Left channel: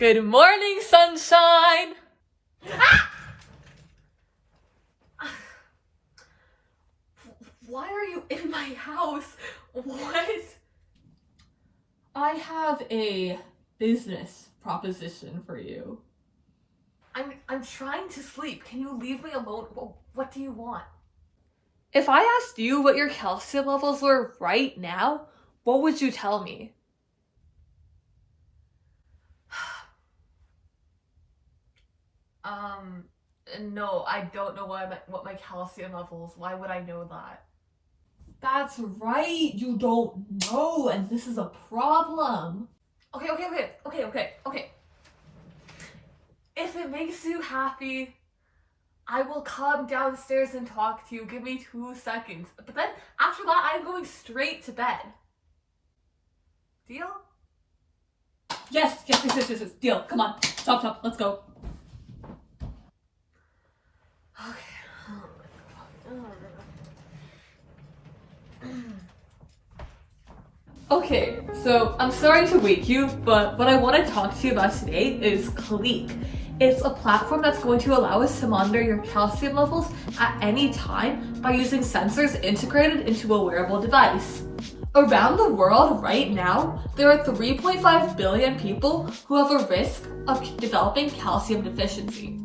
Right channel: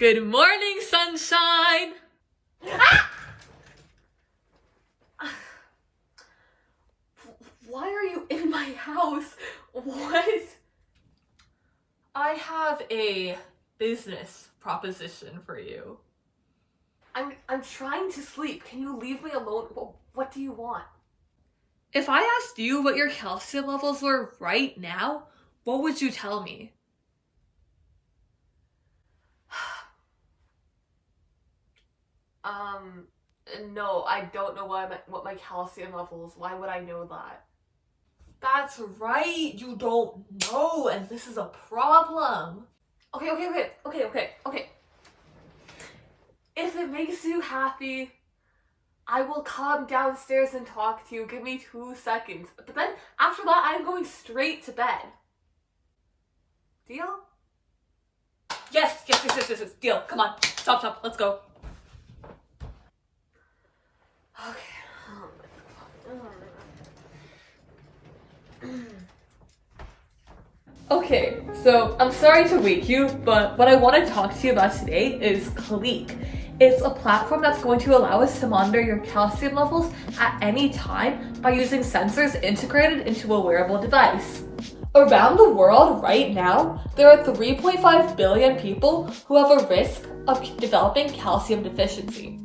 Good morning, sunshine! Why are you in my house? What? I have a business proposition for you. I'm trying to sleep. Can you leave me alone? What do you want? If I asked you what your calcium levels were right now, what would you tell me? No, I don't know what my calcium levels. Why would I know that? That's right, you don't know, and this is a problem. Okay. If it makes you happy, I will come downstairs and talk to you. Give me 2 seconds. But then, after that, I'm going straight to bed. Deal? Yes, deal. Come on, stop, let's go. Okay, so I'm sorry to wake you, but what I want to talk to you about today is Calique. It's a platform that's going to allow us to monitor your calcium levels at any time by using sensors integrated into a wearable device. Around the world right now, there are 3.5 billion people who have a risk of developing calcium deficiency.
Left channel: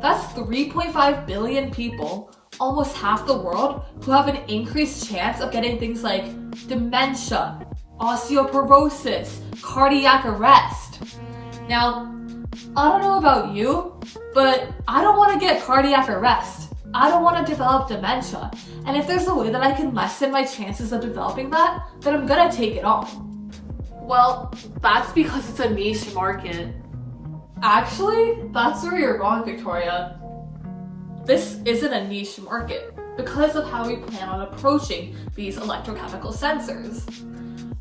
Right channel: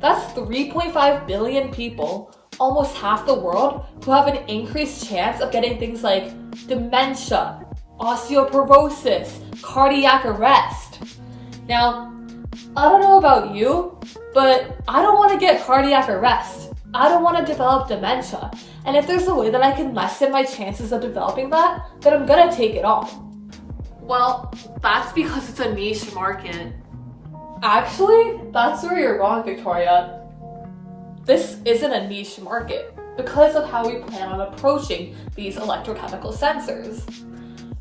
That's 3.5 billion people, almost half the world, who have an increased chance of getting things like dementia, osteoporosis, cardiac arrest. Now, I don't know about you, but I don't want to get cardiac arrest. I don't want to develop dementia. And if there's a way that I can lessen my chances of developing that, then I'm gonna take it on. Well, that's because it's a niche market. Actually, that's where you're wrong, Victoria. This isn't a niche market because of how we plan on approaching these electrochemical sensors.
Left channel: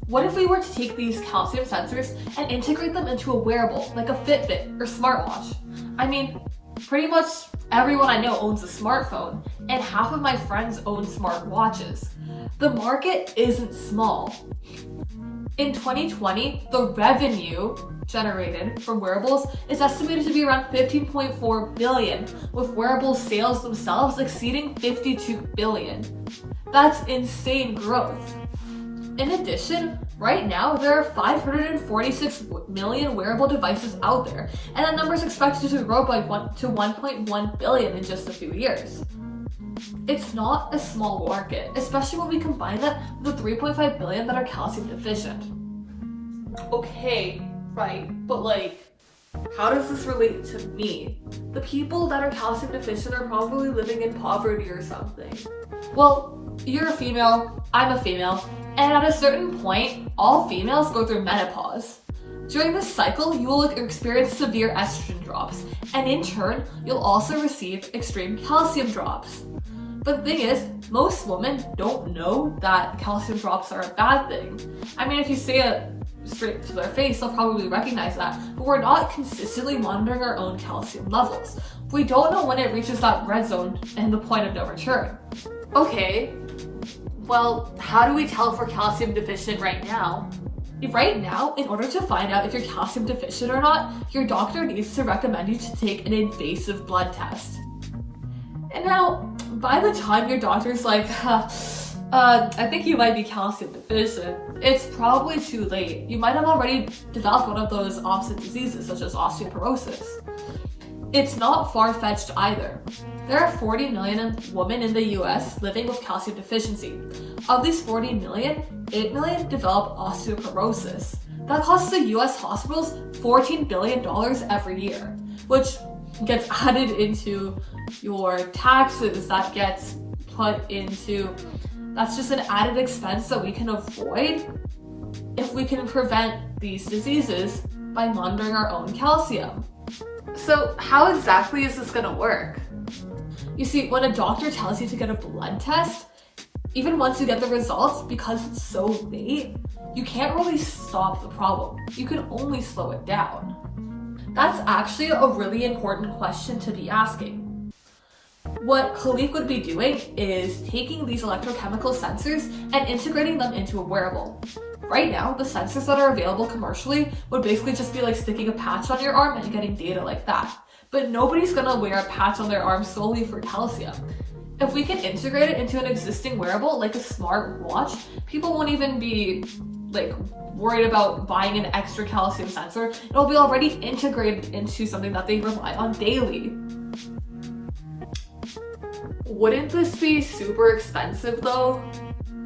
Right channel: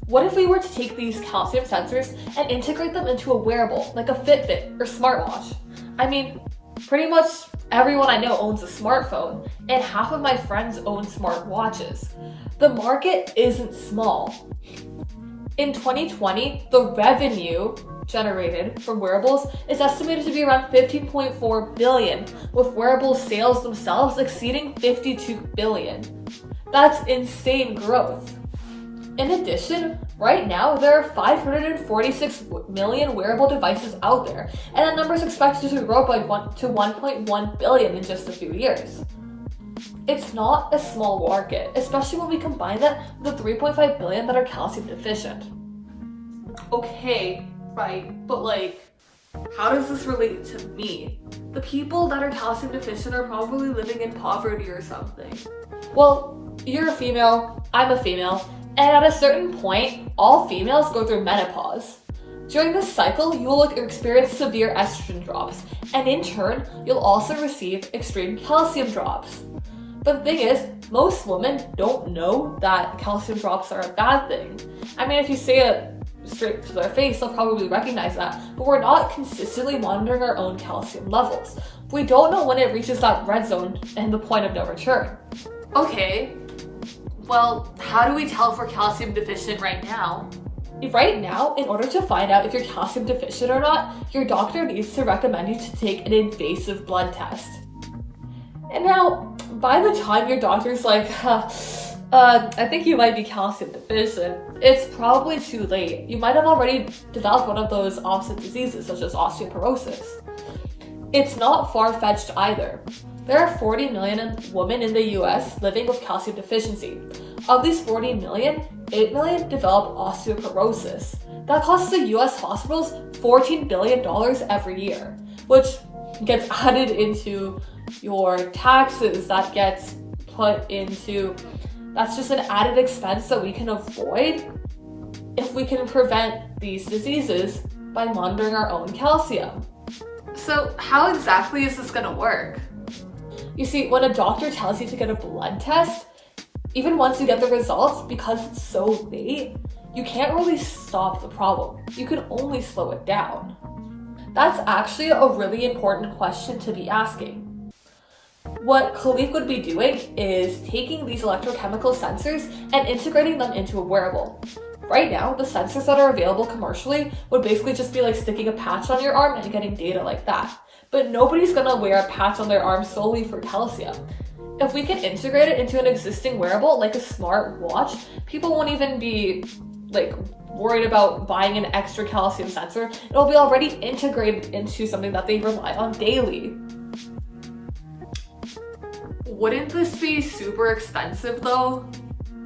What if we were to take these calcium sensors and integrate them into a wearable, like a Fitbit or smartwatch? I mean, pretty much everyone I know owns a smartphone, and half of my friends own smartwatches. The market isn't small. In 2020, the revenue generated from wearables is estimated to be around 15.4 billion, with wearable sales themselves exceeding 52 billion. That's insane growth. In addition, right now there are 546 million wearable devices out there, and that number is expected to grow to 1.1 billion in just a few years. It's not a small market, especially when we combine that with the 3.5 billion that are calcium deficient. Okay, right, but how does this relate to me? The people that are calcium deficient are probably living in poverty or something. Well, you're a female, I'm a female, and at a certain point, all females go through menopause. During this cycle, you will experience severe estrogen drops, and in turn, you'll also receive extreme calcium drops. But the thing is, most women don't know that calcium drops are a bad thing. I mean, if you say it straight to their face, they'll probably recognize that, but we're not consistently monitoring our own calcium levels. We don't know when it reaches that red zone and the point of no return. Okay, well, how do we tell if we're calcium deficient right now? Right now, in order to find out if you're calcium deficient or not, your doctor needs to recommend you to take an invasive blood test. And now, by the time your doctor's like, I think you might be calcium deficient, it's probably too late. You might have already developed one of those opposite diseases, such as osteoporosis. It's not far-fetched either. There are 40 million women in the US living with calcium deficiency. Of these 40 million, 8 million develop osteoporosis. That costs the US hospitals $14 billion every year, which gets added into your taxes, that gets put into, that's just an added expense that we can avoid if we can prevent these diseases by monitoring our own calcium. So how exactly is this gonna work? You see, when a doctor tells you to get a blood test, even once you get the results, because it's so late, you can't really stop the problem. You can only slow it down. That's actually a really important question to be asking. What Calique would be doing is taking these electrochemical sensors and integrating them into a wearable. Right now, the sensors that are available commercially would basically just be like sticking a patch on your arm and getting data like that. But nobody's gonna wear a patch on their arm solely for calcium. If we can integrate it into an existing wearable, like a smart watch, people won't even be like worried about buying an extra calcium sensor. It'll be already integrated into something that they rely on daily. Wouldn't this be super expensive though?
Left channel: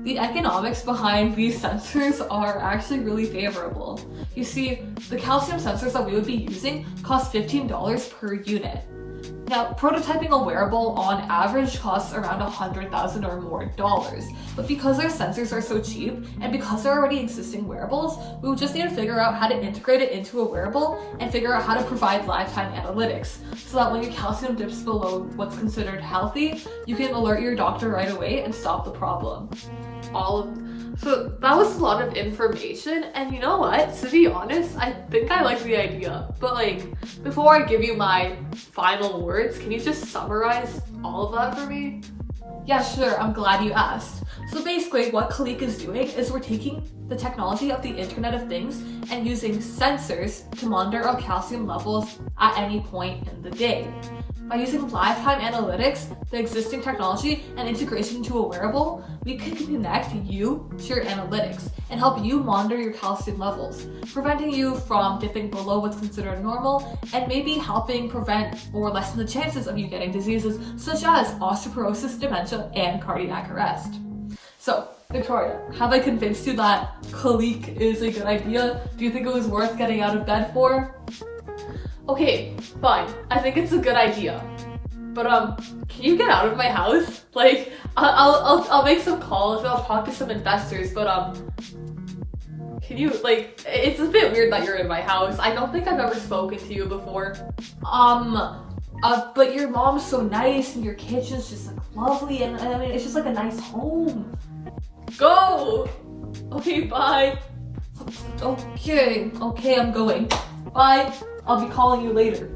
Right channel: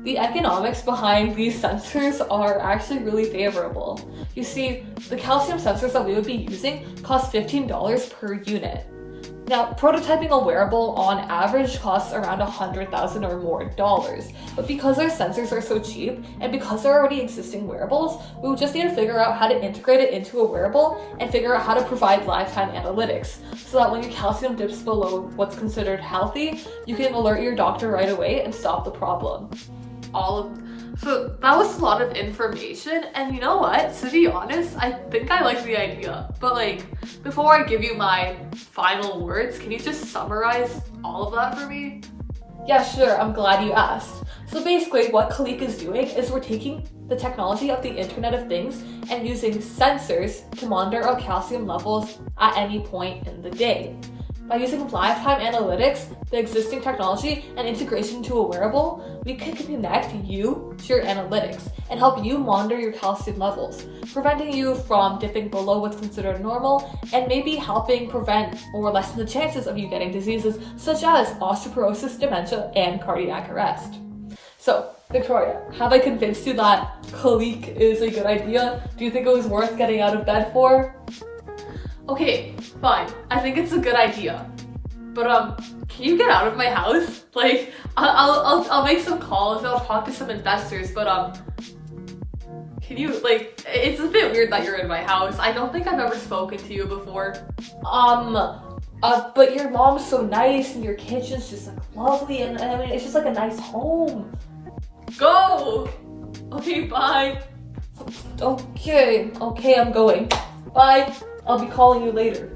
The economics behind these sensors are actually really favorable. You see, the calcium sensors that we would be using cost $15 per unit. Now, prototyping a wearable on average costs around $100,000 or more dollars, but because our sensors are so cheap and because they're already existing wearables, we would just need to figure out how to integrate it into a wearable and figure out how to provide lifetime analytics so that when your calcium dips below what's considered healthy, you can alert your doctor right away and stop the problem. So that was a lot of information, and you know what? To be honest, I think I like the idea. But like, before I give you my final words, can you just summarize all of that for me? Yeah, sure, I'm glad you asked. So basically, what Calique is doing is we're taking the technology of the Internet of Things and using sensors to monitor our calcium levels at any point in the day. By using lifetime analytics, the existing technology, and integration to a wearable, we can connect you to your analytics and help you monitor your calcium levels, preventing you from dipping below what's considered normal, and maybe helping prevent or lessen the chances of you getting diseases such as osteoporosis, dementia, and cardiac arrest. So, Victoria, have I convinced you that Calique is a good idea? Do you think it was worth getting out of bed for? Okay, fine. I think it's a good idea. But can you get out of my house? Like, I'll make some calls and I'll talk to some investors, but can you, like, it's a bit weird that you're in my house. I don't think I've ever spoken to you before. But your mom's so nice and your kitchen's just like lovely and I mean, it's just like a nice home. Go! Okay, bye. Okay, I'm going. Bye. I'll be calling you later.